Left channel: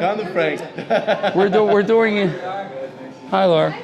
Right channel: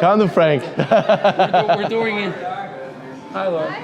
Come to Frank. We're doing it. Hi, Laura.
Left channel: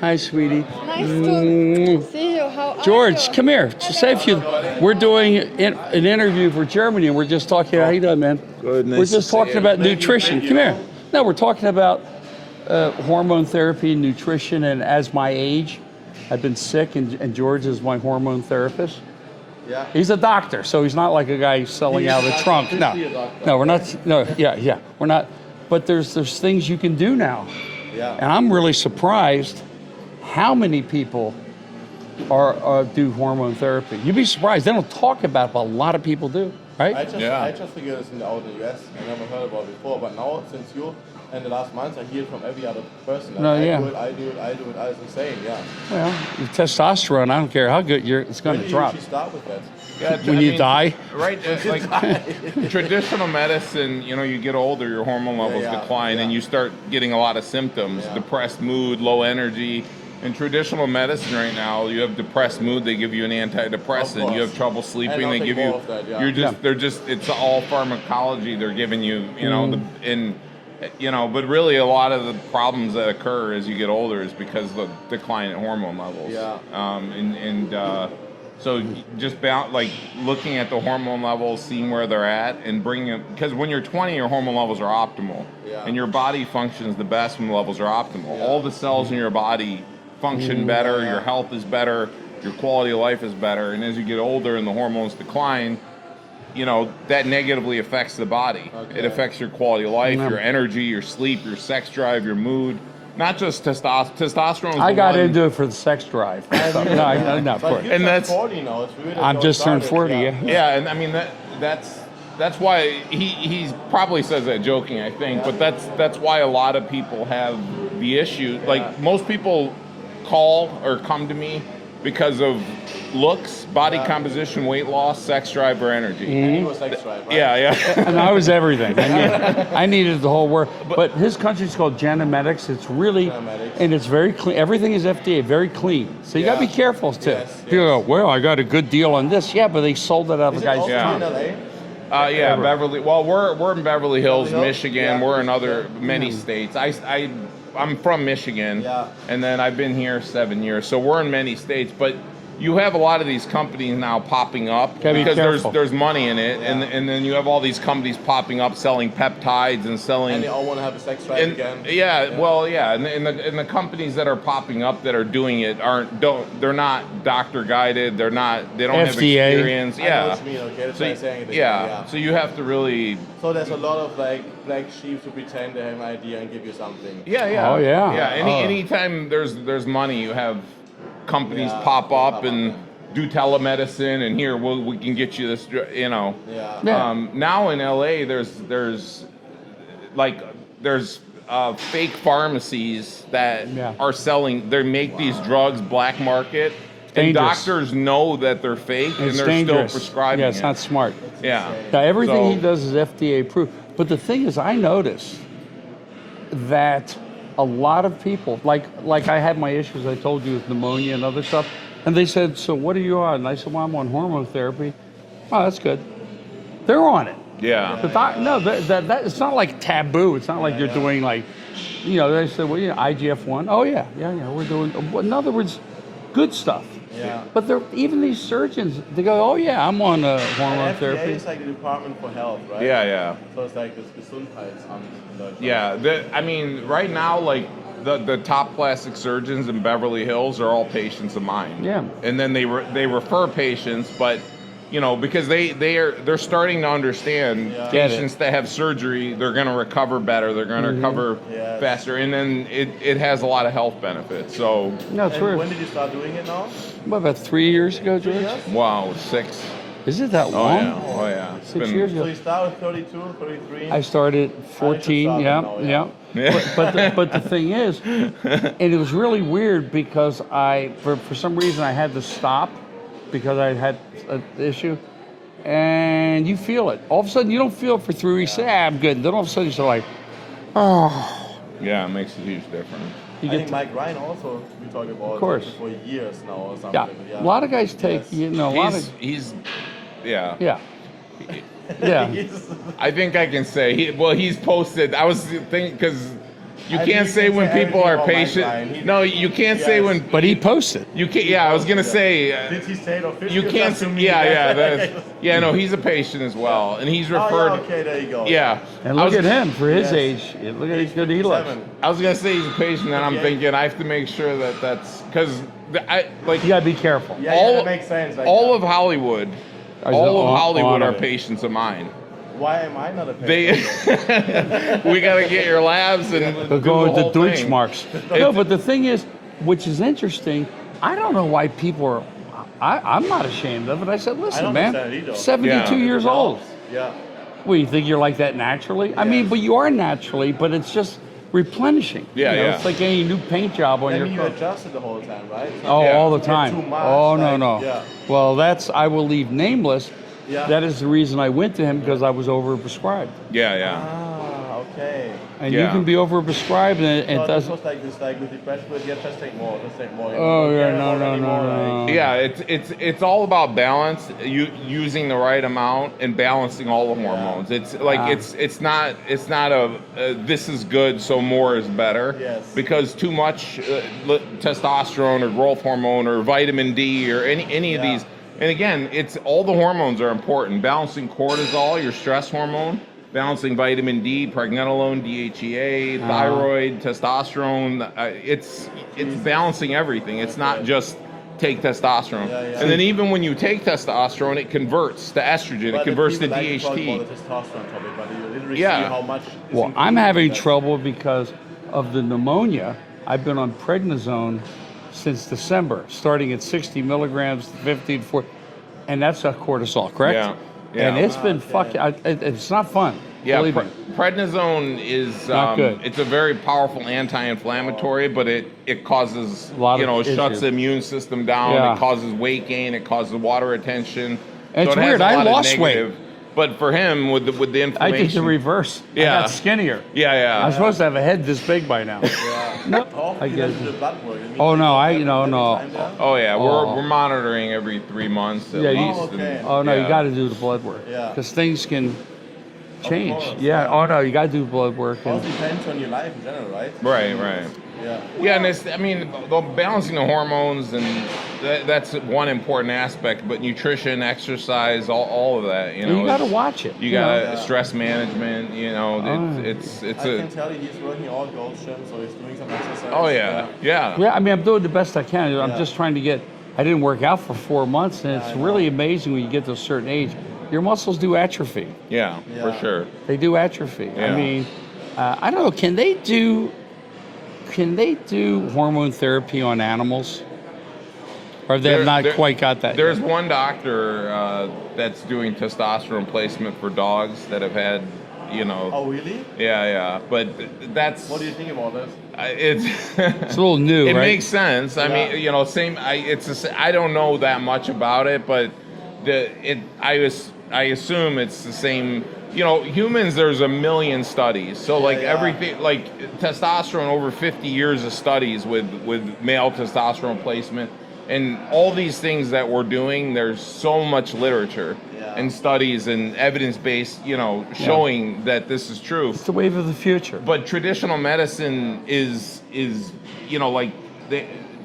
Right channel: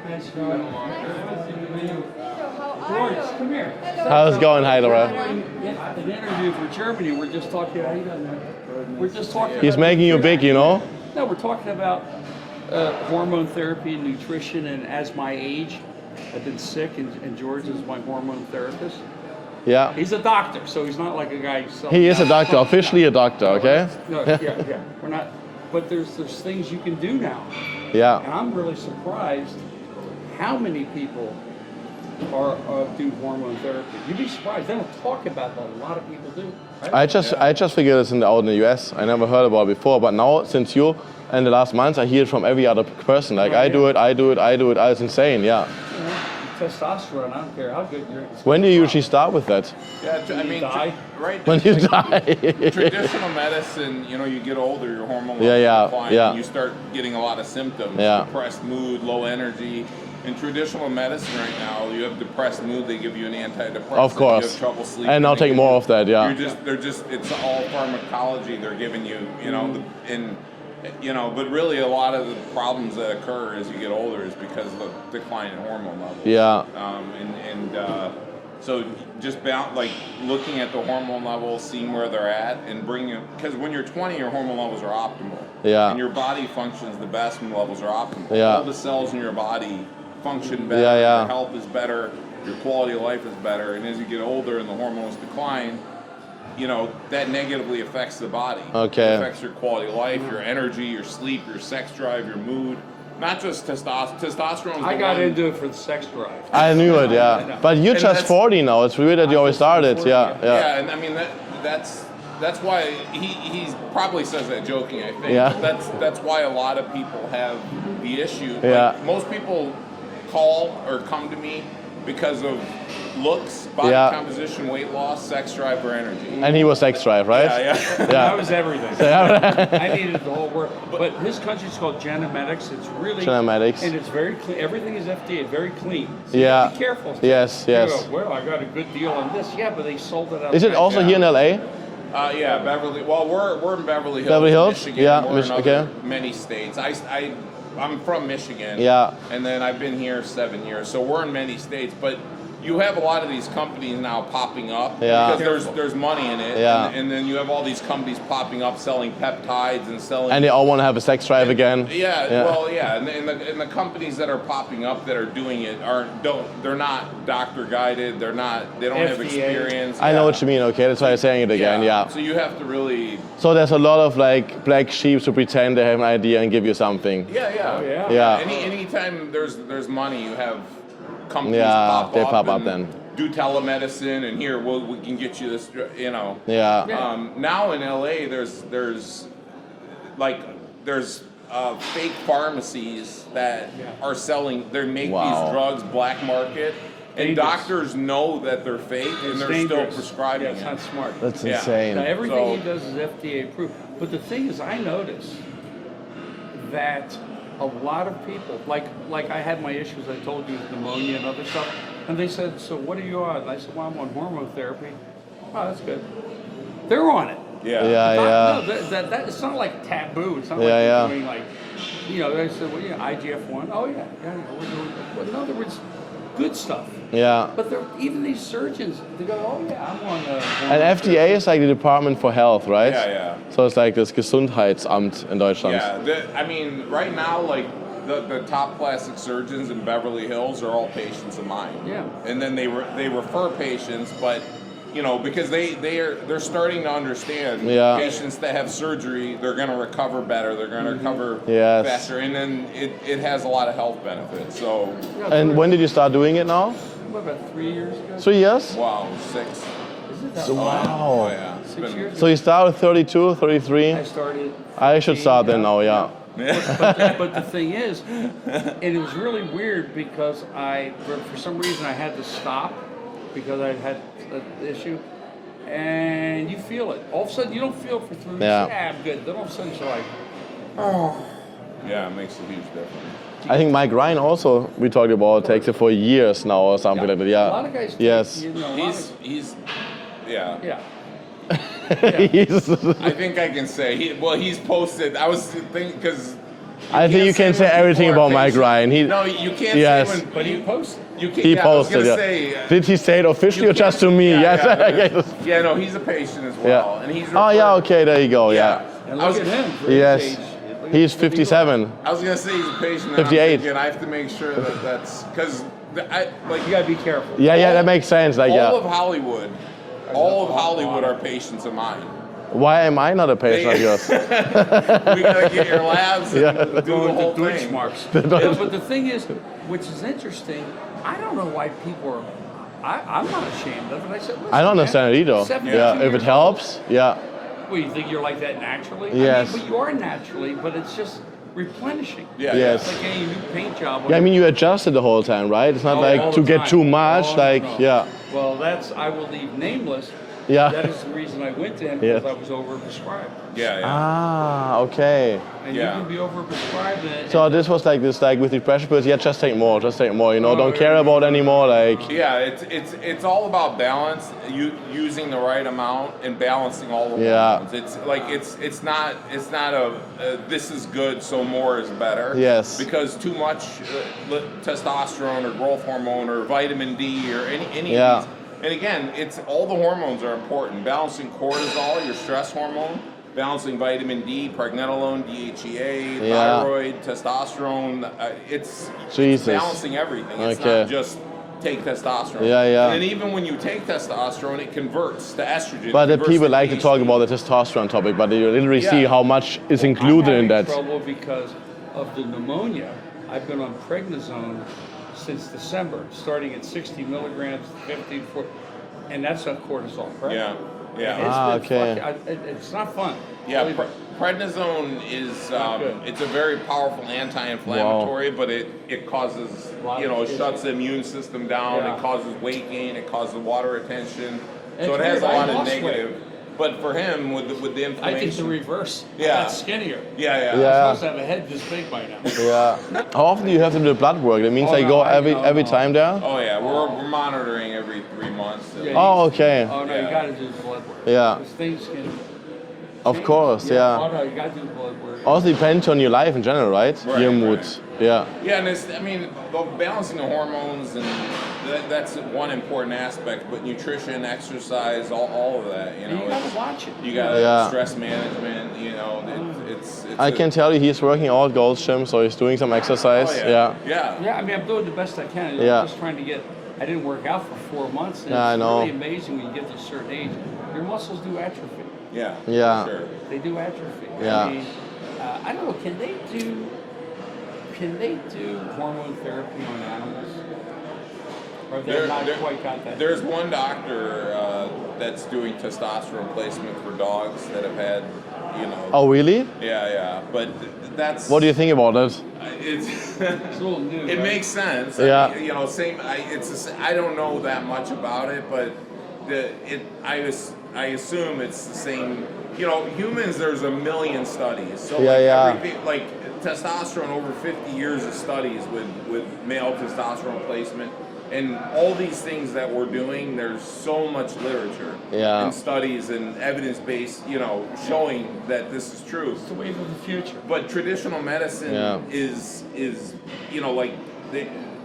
Hi, sweetie. Nice to see you. How George, are you? come here. Just say a How's few. it going? Hi, We're Laura. doing an interview for Germany, and we're just talking. How you doing, man? Good, nice We're to just see talking you. about He's making it nutrition. big, you Come know? here. No, we're talking about hormone therapy, nutrition, and as my age, I've been sick, and George is my hormone therapist. Yeah. He's a doctor, so he's not like a guy selling. He is out a of doctor, trunk. officially No. a doctor. No, okay? we're not. No, yeah, we're not. But there's things you can do now, and Yeah. I'm really surprised how many people do hormone therapy. You'd be surprised. They don't talk about it, but a lot of people do, right? I just figured it's out in the US. I never heard about it before, but now since you and the last months, I hear it from every other person. Like Yeah, I yeah. do it. It's insane. Yeah. Well, the testosterone, I don't care how good it's going When to do you drop. usually start with that? When you die? Right. When It's you like die. traditional medicine, you get older, your hormone levels decline, yeah. and you start getting a lot of symptoms. Yeah. Depressed mood, low energy. In traditional medicine right now, you have depressed mood, they give you an antidepressant. Of course. You have trouble sleeping. And I'll they take give more you- of that, yeah. It's all pharmacology they're giving you, but really a lot of the problems that occur as you get older is because of the decline in hormone levels. Yeah. So just looking at the hormone levels, seeing where they're at, and bringing, because when you're 20, your hormone levels are optimal. Yeah. And your body functions the best when the levels are optimal. Yeah. All the cells in your body function better, Yeah, yeah. your health is better, your quality of life is better, and as you get older and the hormones decline, that negatively affects the body. Okay. It affects your quality of life, your energy, your sleep, your sex drive, your mood. Not just testosterone. I got into it for the sex drive. I knew it, yeah. No, But you're And just that's- 40 now. It's weird that I'm you always just turned started. 40, Yeah. Yeah, and I mean that's why he probably says that joking, I think. Yeah. But that's why a lot of people have the issue. Yeah. Like most people call or come to me because of looks, body Yeah. composition, weight loss, sex drive, or energy. And he was sex drive, right? Yeah. And I was everything. I needed the whole work. But his country's called Genomedics. It's really Genomedics. and it's very clean. Everything is FDA, very clean. So you Yeah. gotta be careful. Too. Yes, You yes. go, well, I got a good deal on this. Yeah, but they sold it out. Is of it guys' also here in LA? Yeah, Beverly. Well, we're in Beverly Hills, Beverly Hills? Michigan. Yeah, we're in other Michigan. many states. I'm from Michigan. Yeah. And then I've been here 7 years, so we're in many states. But you have a lot of these companies now popping up Yeah. because there's money in it, Yeah. and then you have all these companies popping up selling peptides and selling. And they all want to have a sex drive and- again. Yeah, well, yeah, and the companies that are popping up that are doing it they're not doctor guided. They don't have FDA. experience. I know what you mean, okay? That's why I'm saying it again, yeah. So you have to really. So there's a lot of like black sheep who pretend they have an idea and give you something. Yeah. Oh, yeah. Yeah. Anytime there's money, you have companies Yeah, pop they up pop up and then. do telemedicine, and here we can get you this. Yeah. Now in LA, there's fake pharmacies that Yeah. are selling. They make Wow. these drugs black market, and Dangerous. doctors know that they're fake, and It's they're dangerous. still prescribing. Yeah, it's it. not smart. That's Yeah. insane. Yeah, everything So- he does is FDA approved. But the thing is, I notice that a lot of people, like I had my issues, I told you, with pneumonia and other stuff, and they said, so what are you on? And I said, well, I'm on hormone therapy. Oh, that's good. They're on it. Yeah. Yeah. No, that it's not like taboo. It's not like Yeah, they're yeah. doing like, they said, well, IGF-1. Oh, yeah, we're doing, in other words, good stuff. Yeah. But even these surgeons, they go, oh, yeah, I'm on hormone And FDA therapy. is like the Department for Health, right? Yeah. So it's like das Gesundheitsamt in Deutschland. Yeah, right now, like the top plastic surgeons in Beverly Hills are all patients of mine. Yeah. And then they refer patients, but because they're starting to understand Yeah. patients that have surgery, they're going to recover better, they're going to recover Yes. faster, and then it has a lot of health benefits. So, No, And when did you start doing it now? what, about 3 years ago? 3 years? wow, 6. Is it that long? Oh yeah. It's 6 been- years ago. So you started 32, 33? I started 14, I should start then now, yeah. But the thing is, and it was really weird because for some reason I had to stop because I had an issue, and you feel it. All of a sudden you don't feel it for 3 weeks. Yeah. I'm good. Then all of a sudden you're like, Yeah, it makes a huge difference. I think Mike Ryan also, we talked about, course. takes it for years now or something like that. Yeah. A lot of guys take, Yes. a lot of, He's yeah. yeah. Yeah. I think I can say he's posted. I was thinking because I think you can't say everything about Mike Ryan. No, you can't say when. But he posted. You can't. He Yeah, I was posted, gonna yeah. say. Did he say it officially You or just to me? Yeah, Yes. yeah, yeah. No, he's a patient as well, and he's referred. Oh yeah, okay, there you go. Yeah. And look at him for his Yes. age. Look at He's how good he 57. I was gonna say he's a patient, and I'm 58. thinking I have to make sure that that's because like looks. You gotta be careful. Yeah, that makes sense. Like, all yeah. of Hollywood, Are all on- of Hollywood on are it. patients of mine. Why am I not a patient of yours? We gotta get your labs and do Go with the whole Deutsch thing. marks. No, but the thing is, which is interesting, I don't know why people are. I'm not ashamed of it. I said, listen, I don't man, understand it either. 72 Yeah. If years it old. helps, yeah. Well, you think you're like that naturally? I mean, Yes. but you are naturally, but it's just replenishing. Yeah, You know, yeah. It's like any new paint job on Yeah, I your mean, you car. adjust it the whole time, right? It's not all like the to get time. too much. Oh, like, no, no. yeah. Well, I will leave nameless. Yeah. That is the reason I went to him, because Yeah. I was overprescribed. Yeah, yeah. Ah, okay. And you Yeah. can be overprescribed. And So this was like this, like with the pressure pills. Yeah, just take more, You know, Oh, don't yeah, care no, about no, anymore. no, no, like, no. Yeah, it's all about balance. You using the right amount and balancing all the Yeah. hormones. It's like it's not a this is good, so more is better. Yes. Because too much testosterone or growth hormone or vitamin D or any Yeah. of these. And again, it's all the hormones are important. Balancing cortisol, your stress hormone, balancing vitamin D, pregnenolone, DHEA, thyroid, testosterone. It's Jesus. balancing everything. It's Okay. not just take testosterone. Yeah, yeah. And then even when you take testosterone, it converts to estrogen. but it the converts people to like to talk DHT. about the testosterone topic, but you literally Yeah. see how much is Well, included I'm having in that. trouble because of the pneumonia. I've been on prednisone since December, starting at 60 milligrams, 50 to 40, and that's a cortisol, correct? Yeah, yeah. And it's been okay. fucking. It's not fun. Yeah, Believe me. prednisone is Not good. it's a very powerful anti-inflammatory, but it causes A lot of it shuts issues. the immune system down. Yeah. It causes weight gain. It causes water retention. And it's it has weird, a I lot of lost weight. negative- But for him, with the I inflammation, did the reverse. I Yeah. got skinnier. yeah. I'm supposed to have a head this big by now. Yeah. How often do you have to do blood work? That means Oh, they no, go I- every, no, every no. time there? Oh yeah, Oh. we're monitoring every 3 months. At Yeah, least. Oh, okay. Oh no, Yeah. you got to do the blood work. Yeah. Because things can Of change. course, yeah. Oh no, you got to do blood work. Also depends on your life in general, right? Right, Your right. moods. Yeah. Yeah, and the balancing the hormones and that's one important aspect. But nutrition, exercise, all of that. You And know, you got to it's- watch it. You got Yeah. stress management. You know, it's. I can tell you he's working out Gold's Gym, so he's doing some exercise. Oh yeah, yeah. Yeah, I mean, I'm doing the best I can. I'm Yeah. just trying to get. I didn't work out for 4 months, and Yeah, I it's know. really amazing when you get to a certain age. Your muscles do atrophy. Yeah, Yeah. for sure. They do atrophy. Yeah. I mean, I don't know. Can they do hormone therapy on animals? Or they've not quite got that There's yet? one doctor that's doing testosterone placement for dogs that have had, you know. Oh, really? Yeah, but that's. What do you think about it? It's. It's a little new, It right? makes sense. Yeah. I mean, you know, I don't know that much about it, but I assume it's the same. You know, humans. There's a million studies. So like yeah. everything, like testosterone, over 50 years of studies with male testosterone placement, and all these things that we're doing. There's so much literature Yeah. and studies and evidence-based, you know, showing that this is true. It's the wave of the future. But traditional medicine Yeah. is you know, like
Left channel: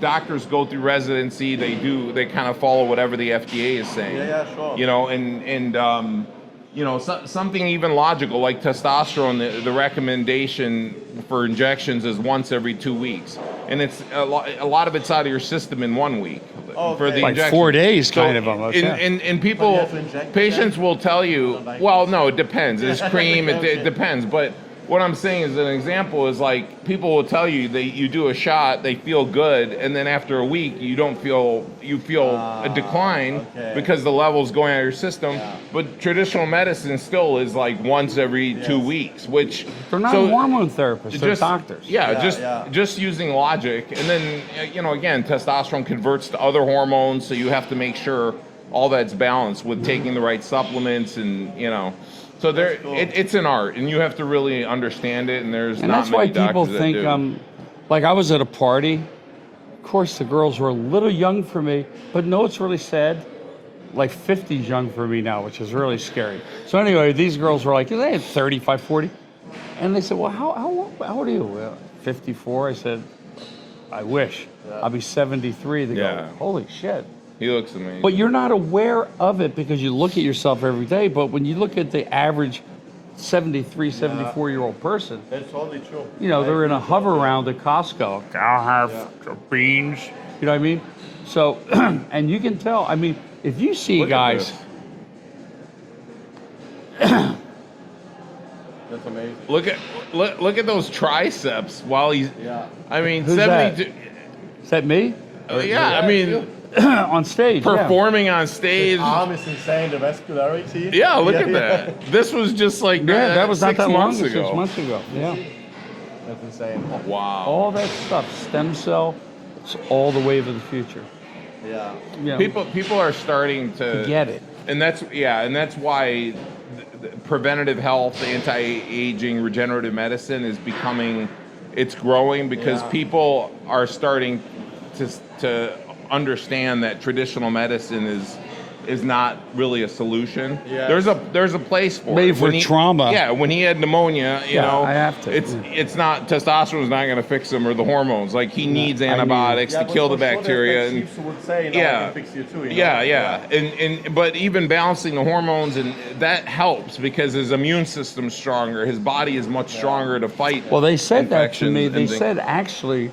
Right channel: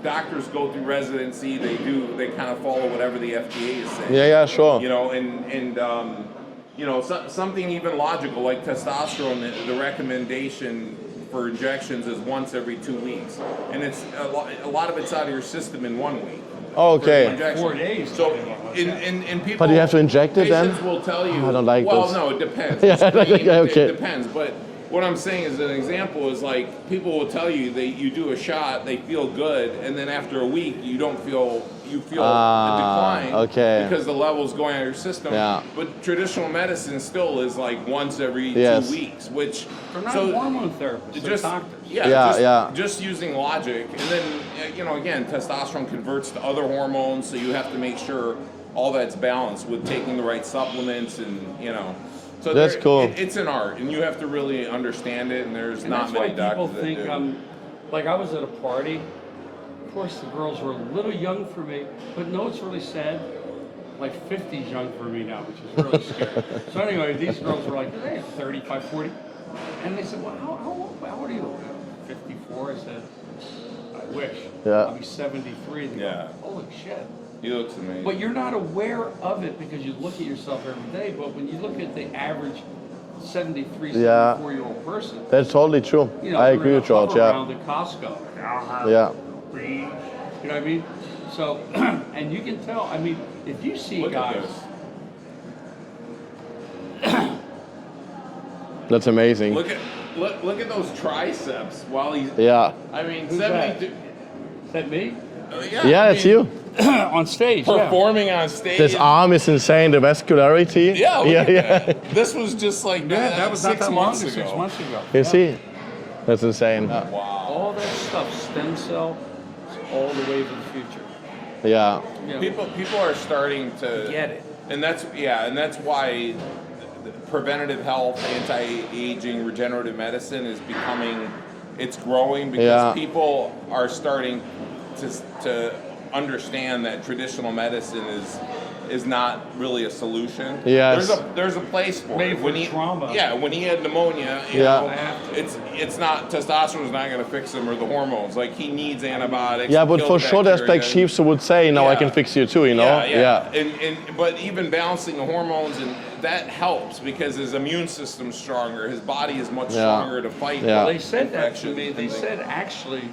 doctors go through residency, they kind of follow whatever the FDA is saying. Yeah, sure. You know, and you know, something even logical like testosterone. The recommendation for injections is once every 2 weeks, and it's a lot of it's out of your system in 1 week. Oh, for the okay. Like injection. 4 days, kind of So, almost. and, Yeah. and people, But you have to inject it patients then? will tell you. I don't like well, this. no, it depends. It's cream. Okay. It depends. But what I'm saying is an example is like people will tell you you do a shot, they feel good, and then after a week you feel a decline okay. because the level's going out of your system. Yeah. But traditional medicine still is like once every Yes. 2 weeks, which They're not so hormone therapists, they're doctors. just using logic, and then you know, again, testosterone converts to other hormones, so you have to make sure all that's balanced with taking the right supplements, and you know, so That's cool. It's an art, and you have to really understand it. And there's And not that's why many people doctors think that do. like I was at a party. Of course, the girls were a little young for me, but no, it's really sad. like 50's young for me now, which is really scary. So anyway, these girls were like, they had 35, 40. And they said, well, how old are you? 54. I said, I wish. Yeah. I'll be 73. They go, holy shit. He looks amazing. But you're not aware of it because you look at yourself every day. But when you look at the average 73, 74-year-old person, That's totally true. you know, I they're in agree a with George, hover around at Costco. I'll have the beans. You know what I mean? So, and you can tell, I mean, if you see Look at guys, That's amazing. Look at those triceps while he's. Yeah. I mean, Who's 72. is that me? Yeah, Yeah, I it's mean, you. On stage. yeah. performing on stage. This arm is insane, the vascularity. Yeah, look at that. This was just like Yeah, that was not 6 that long months ago. ago. 6 months ago. You yeah. see? That's insane. Wow. All that stuff, stem cell, it's all the wave of the future. Yeah. You know, People are starting to get it. and that's why preventative health, anti-aging, regenerative medicine is becoming, it's growing because people are starting to understand that traditional medicine is not really a solution. Yes. There's a place for Made it. for trauma. Yeah, when he had pneumonia, you know, I have to. it's not, testosterone's not going to fix him or the hormones. Like he needs antibiotics Yeah, to but kill for the sure, bacteria. there's like chiefs who would say, "No, I Yeah. can fix you too." You know? Yeah. And but even balancing the hormones and that helps because his immune system's stronger. His body is much stronger to fight. Yeah. Well, they said that to infections me. and They things. said actually,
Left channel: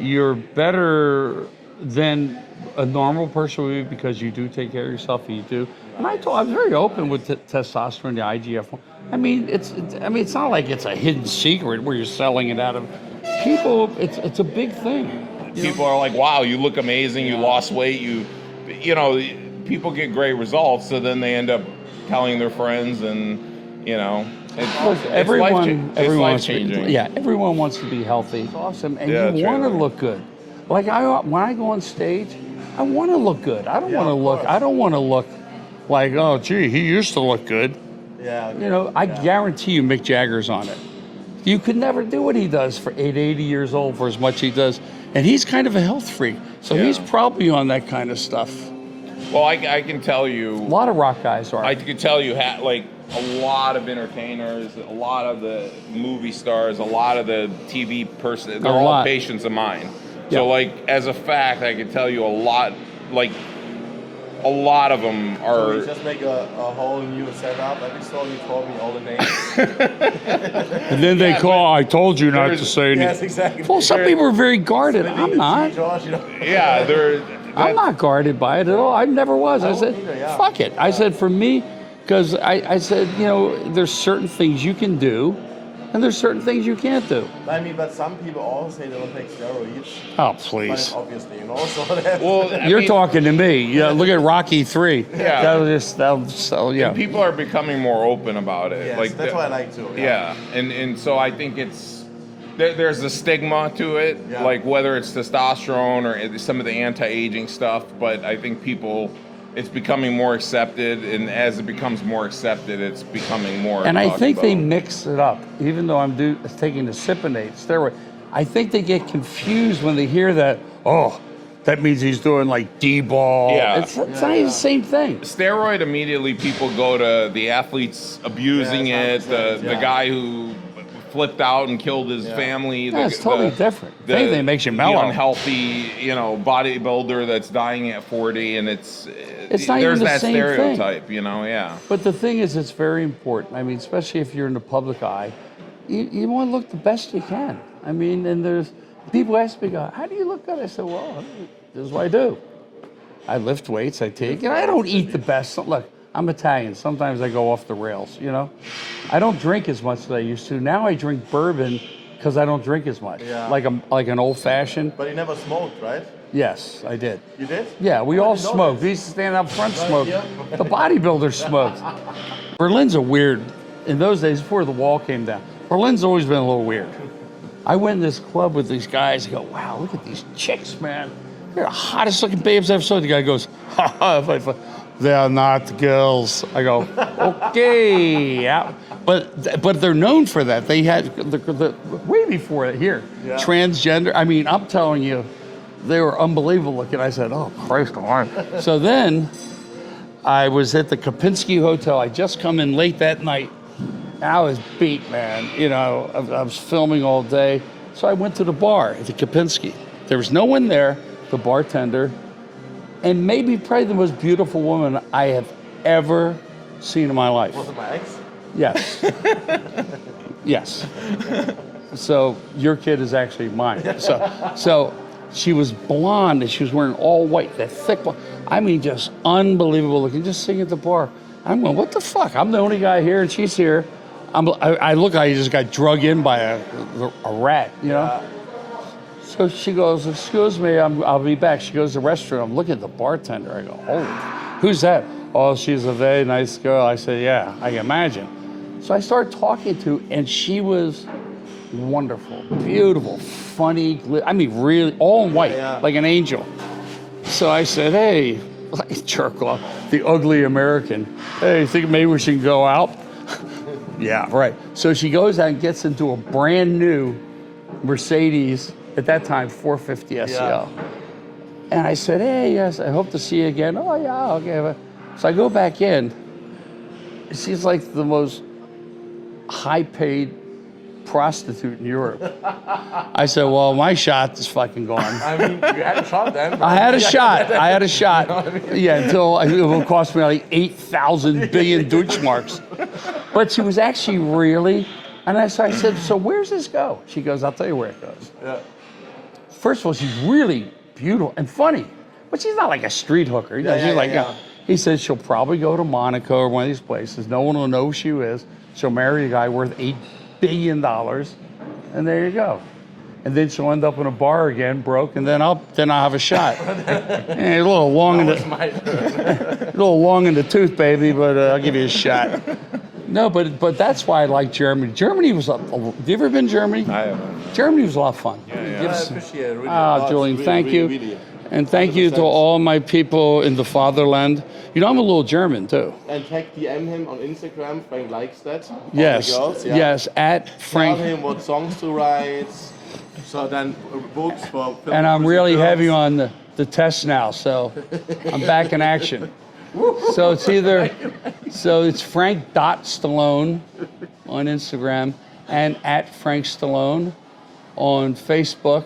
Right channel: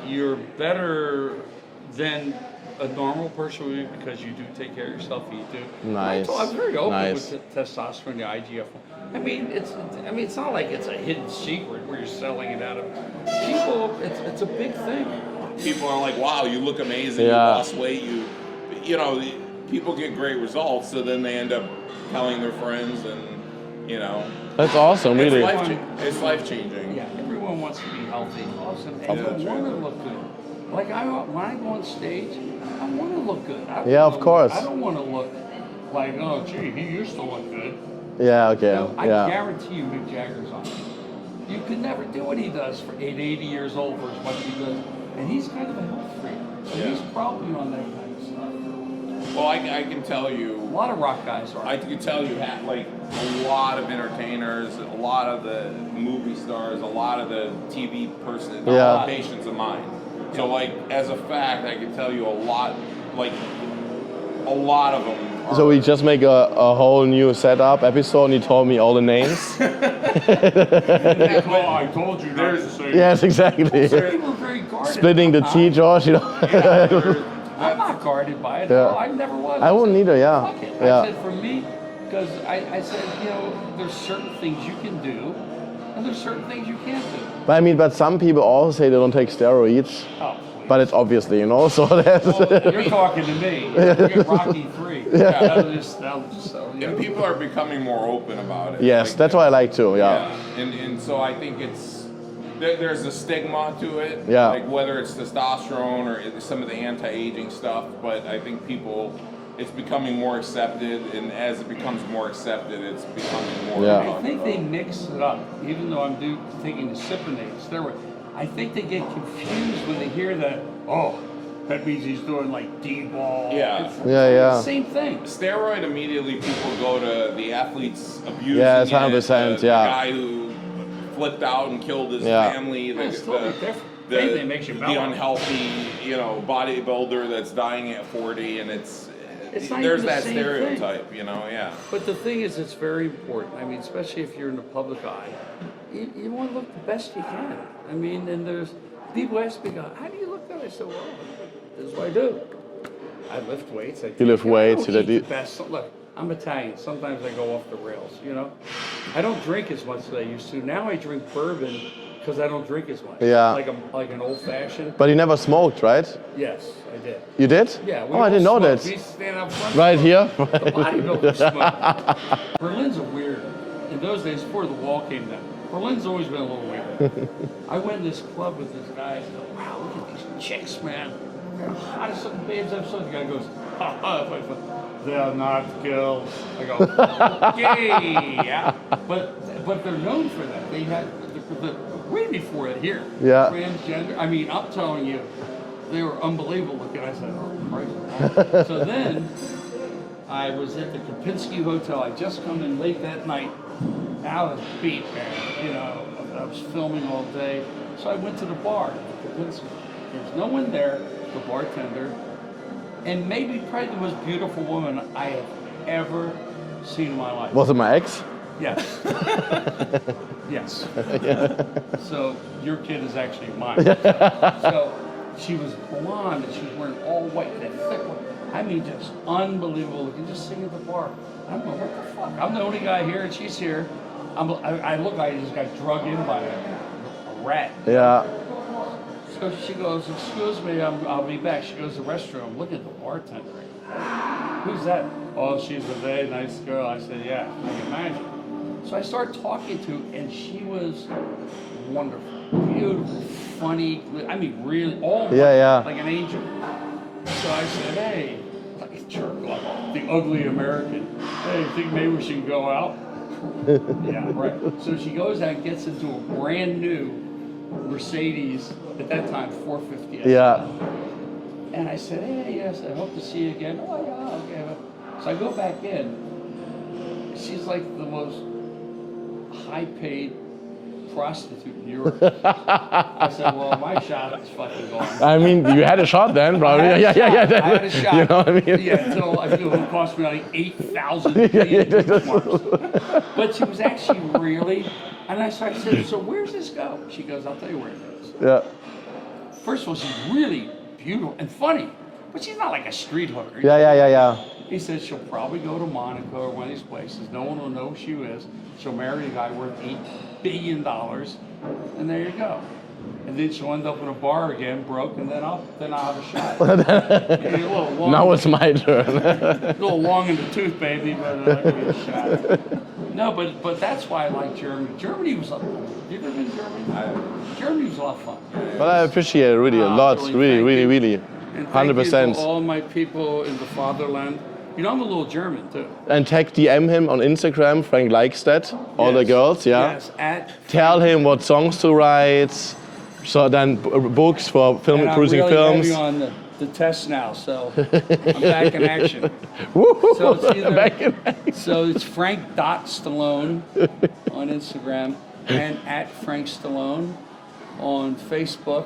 you're better than a normal person would be because you do take care of yourself. You do. And I was very open with testosterone, the IGF. I mean, it's not like it's a hidden secret where you're selling it out of people. It's a big thing. People are like, "Wow, you look amazing. You lost weight. You know." People get great results, so then they end up telling their friends, and you know. That's awesome. It's Everyone life-changing. Yeah, everyone wants to be healthy. Awesome, and Yeah, you want to true. look good. Like when I go on stage, I want to look good. I don't Yeah, want of to look. course. I don't want to look like, oh, gee, he used to look good. Yeah. Okay. You know, I yeah. guarantee you, Mick Jagger's on it. You could never do what he does for 80 years old for as much he does, and he's kind of a health freak, so he's probably on that kind of stuff. Well, I can tell you. A lot of rock guys are. I can tell you, like a lot of entertainers, a lot of the movie stars, a lot of the TV person, they're all patients of mine. So, like as a fact, I can tell you a lot. Like a lot of them are. So we just make a whole new setup episode, and he told me all the names. And then they call, I told you not to say anything. Yes, exactly. Well, some people are very guarded. Splitting the I'm tea, not. George. You know. Yeah, I'm not guarded by it at all. I never was. I said, wouldn't either, yeah. Fuck it. I said, for me, because I said, you know, there's certain things you can do, and there's certain things you can't do. But I mean, but some people also say they don't take steroids. Oh, please. But it's obviously, you know, so that's, You're talking to me. You know, look at Rocky 3. Yeah. Yeah. people are becoming more open about it. yes, Like, that's what I like too. Yeah. and so I think there's a stigma to it, Yeah. like whether it's testosterone or some of the anti-aging stuff, but I think it's becoming more accepted, and as it becomes more accepted, it's becoming more. And I talked think they about. mix it up. Even though I'm taking the Cypionate steroid, I think they get confused when they hear that, oh, that means he's doing like D-ball. Yeah. It's the same thing. Steroid, immediately people go to the athletes abusing Yeah, it, it's 100%, the guy who flipped out and killed his family. Yeah, it's totally different. Anything makes you The mellow. unhealthy, bodybuilder that's dying at 40, and it's not there's even the that same stereotype, thing. yeah. But the thing is, it's very important. I mean, especially if you're in the public eye, you want to look the best you can. I mean, and there's people ask me, how do you look good? I said, well, this is what I do. I lift weights. I take. lift I don't weights, eat the best. Look, I'm Italian. Sometimes I go off the rails. You know, I don't drink as much as I used to. Now I drink bourbon because I don't drink as much. Yeah. Like an old fashioned. But you never smoked, right? Yes, I did. You did? Yeah, we Oh, I all didn't know smoked. this. We used to stand up front Right smoke. here? The bodybuilders smoked. Berlin's a weird, in those days before the wall came down, Berlin's always been a little weird. I went in this club with these guys and go, wow, look at these chicks, man. They're the hottest looking babes I've ever seen. The guy goes, ha ha, they are not girls. I go, okay, yeah. But they're known for that. They had, the way before it here, transgender. I mean, I'm telling you, they were unbelievable looking. I said, oh, Christ alive. So then I was at the Kapinski Hotel. I just come in late that night. And I was beat, man. You know, I was filming all day. So I went to the bar at the Kapinski. There was no one there, the bartender, and maybe probably the most beautiful woman I have ever seen in my life. Was it my ex? Yes. Yes. So your kid is actually mine. So she was blonde and she was wearing all white, that thick blonde. I mean, just unbelievable looking, just sitting at the bar. I'm going, what the fuck? I'm the only guy here and she's here. I look like I just got drug in by a rat. You know? So she goes, excuse me, I'll be back. She goes to the restroom. I'm looking at the bartender. I go, holy, who's that? Oh, she's a very nice girl. I said, yeah, I can imagine. So I started talking to, and she was wonderful, beautiful, funny. I mean, really, all in white, like an angel. So I said, hey, like jerk off, the ugly American. Hey, you think maybe we should go out? Yeah, right. So she goes out and gets into a brand new Mercedes, at that time, 450 SL. Yeah. And I said, hey, yes, I hope to see you again. Oh, yeah, okay. So I go back in. She's like the most high-paid prostitute in Europe. I said, well, my shot is fucking gone. I mean, you had a shot then. I had a shot. I had a shot. You know what I mean? Yeah, until it will cost me like 8,000 billion Deutschmarks. But she was actually really, and I said, so where's this go? She goes, I'll tell you where it goes. Yeah. First of all, she's really beautiful and funny, but she's not like a street hooker. You know, Yeah, she's like yeah. He said she'll probably go to Monaco or one of these places. No one will know who she is. She'll marry a guy worth $8 billion, and there you go. And then she'll end up in a bar again, broke, and then I'll have a shot. A little long. Now it's my turn. A little long in the tooth, baby, but I'll give you a shot. No, but that's why I like Germany. Germany was. Have you ever been to Germany? I have. Germany was a lot of fun. Well, I appreciate it really a lot. Julian, Really. And thank you to 100%. all my people in the fatherland. You know, I'm a little German too. And DM him on Instagram. Frank likes that. All the Yes. girls. Yeah. Yes, at Tell Frank. him what songs to write. So then books for film And I'm cruising really films. heavy on the test now, so I'm back in action. So it's either, so it's Frank.Stallone on Instagram and at Frank Stallone on Facebook.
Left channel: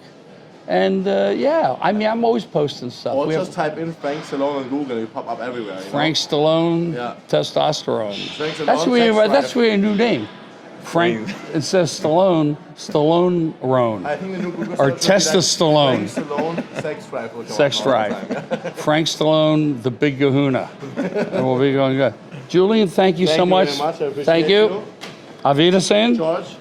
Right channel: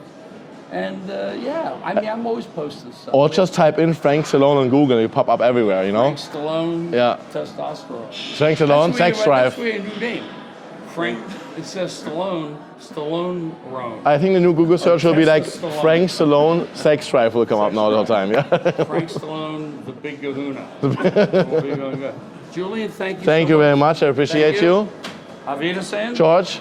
And yeah, I mean, I'm always posting stuff. Or just type in Frank Stallone on Google and you pop up everywhere, you know? Frank Stallone, Yeah. testosterone. Frank Stallone, sex That's drive. really a new name. Frank, it says Stallone-Roan. I think the new Google search will be like Stallone. Frank Stallone, sex drive will come Sex up now all the drive. time. Yeah. Frank Stallone, the big kahuna. We'll be going good. Julian, thank you so much. Thank you very much. I appreciate Thank you. Auf Wiedersehen. George.